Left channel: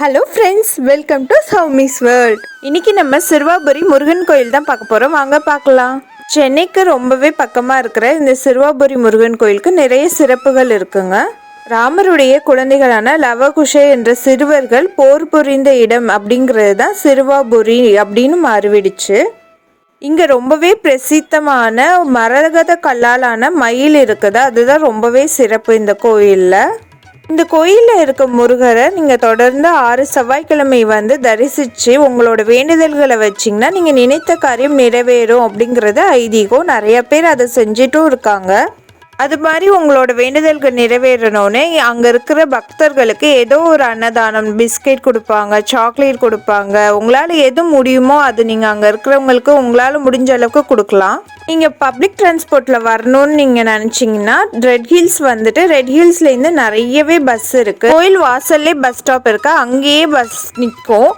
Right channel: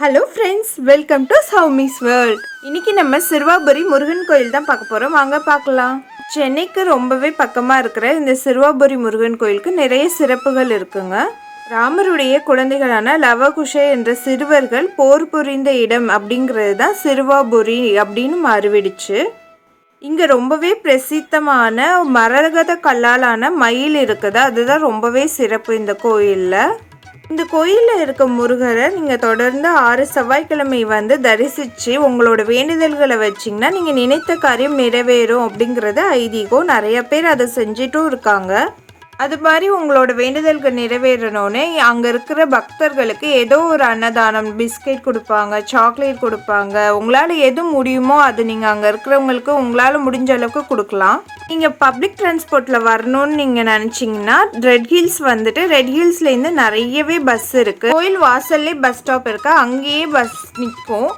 Hello friends welcome to Soumi's world இன்னைக்கு நம்ம சிறுவாபுரி முருகன் கோயில் தான் பார்க்க போகிறோம் வாங்க பார்க்கலாம். சென்னைக்கு ரொம்பவே பக்கமாக இருக்கிற இந்த சிறுவாபுரி முருகன் கோயிலுக்கு நிறைய சிறப்புகள் இருக்குங்க. ராமருடைய குழந்தைகளான லவகுஷ என்ற சிறுவர்கள் போர் புரிந்த இடம் அப்படிங்கிறது தான் சிறுவாபுரி அப்படின்னு மாறிவிடுச்சு. இங்கே ரொம்பவே பிரசித்தமான மரகத கல்லாலான மயில் இருக்குது. அதுதான் ரொம்பவே சிறப்பு இந்த கோயிலில். இந்த கோயிலில் இருக்க முருகரை நீங்கள் தொடர்ந்து ஆறு செவ்வாய்க்கிழமை வந்து தரிசித்து உங்களோட வேண்டுதல்களை வச்சிங்கன்னா நீங்கள் நினைத்த காரியம் நிறைவேறும் அப்படிங்கிறது ஐதீகம். நிறைய பேர் அதை செஞ்சிட்டும் இருக்காங்க. அது மாதிரி உங்களோட வேண்டுதல்கள் நிறைவேறணும்னு அங்கே இருக்கிற பக்தர்களுக்கு ஏதோ ஒரு அன்னதானம் பிஸ்கெட் கொடுப்பாங்க சாக்லேட் கொடுப்பாங்க. உங்களால் எது முடியுமோ அது நீங்கள் அங்கே இருக்கிறவங்களுக்கு உங்களால் முடிஞ்ச அளவுக்கு கொடுக்கலாம். நீங்கள் பப்ளிக் டிரான்ஸ்போர்ட்டில் வரணும்னு நீங்கள் நினச்சிங்கன்னா ரெட் ஹில்ஸ் வந்துட்டு ரெட் ஹில்ஸ்லேருந்து நிறையவே பஸ் இருக்குது கோயில் வாசல்லே பஸ் ஸ்டாப் இருக்கு. அங்கேயே பஸ் நிற்கும்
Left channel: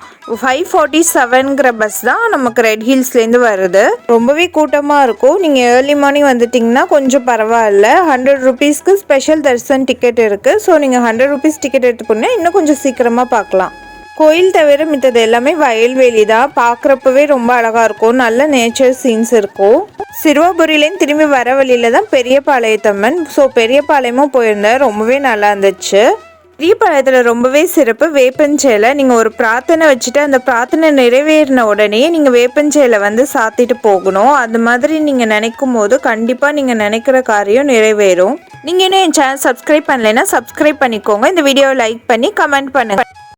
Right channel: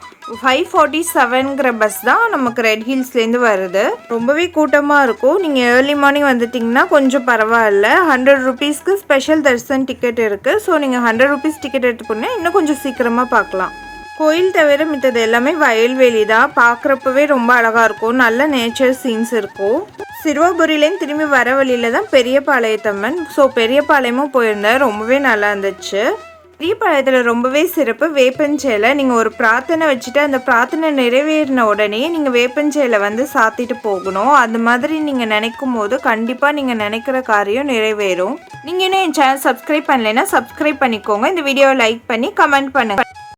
ஃபைவ் ஃபார்ட்டி செவனுங்கிற பஸ் தான் நமக்கு ரெட் ஹில்ஸ்லேருந்து வருது. ரொம்பவே கூட்டமாக இருக்கும். நீங்கள் ஏர்லி மார்னிங் வந்துட்டிங்கன்னா கொஞ்சம் பரவாயில்ல. ஹண்ட்ரட் ருபீஸ்க்கு ஸ்பெஷல் தரிசன் டிக்கெட் இருக்குது ஸோ நீங்கள் ஹண்ட்ரட் ருபீஸ் டிக்கெட் எடுத்துக்கணும் இன்னும் கொஞ்சம் சீக்கிரமாக பார்க்கலாம். கோயில் தவிர மித்தது எல்லாமே வயல்வெளி தான். பார்க்குறப்பவே ரொம்ப அழகாக இருக்கும். நல்ல நேச்சர் சீன்ஸ் இருக்கும். சிறுவபுரியிலேருந்து திரும்பி வர வழியில தான் பெரியபாளையத்தம்மன். ஸோ பெரியபாளையமும் போயிருந்தேன் ரொம்பவே நல்லா இருந்துச்சு. பெரியபாளையத்தில் ரொம்பவே சிறப்பு. வேப்பஞ்சேலை நீங்கள் ஒரு பிரார்த்தனை வச்சுட்டு அந்த பிரார்த்தனை நிறைவேறின உடனே நீங்கள் வேப்பஞ்சேலை வந்து சாத்திட்டு போகணும். அது மாதிரி நீங்கள் நினைக்கும் போது கண்டிப்பாக நீங்கள் நினைக்கிற காரியம் நிறைவேறும். நீங்கள் இன்னும் என் சேனல் சப்ஸ்கிரைப் பண்ணலைன்னா சப்ஸ்கிரைப் பண்ணிக்கோங்க. இந்த வீடியோவை லைக் பண்ணி கமெண்ட் பண்ணுங்கள்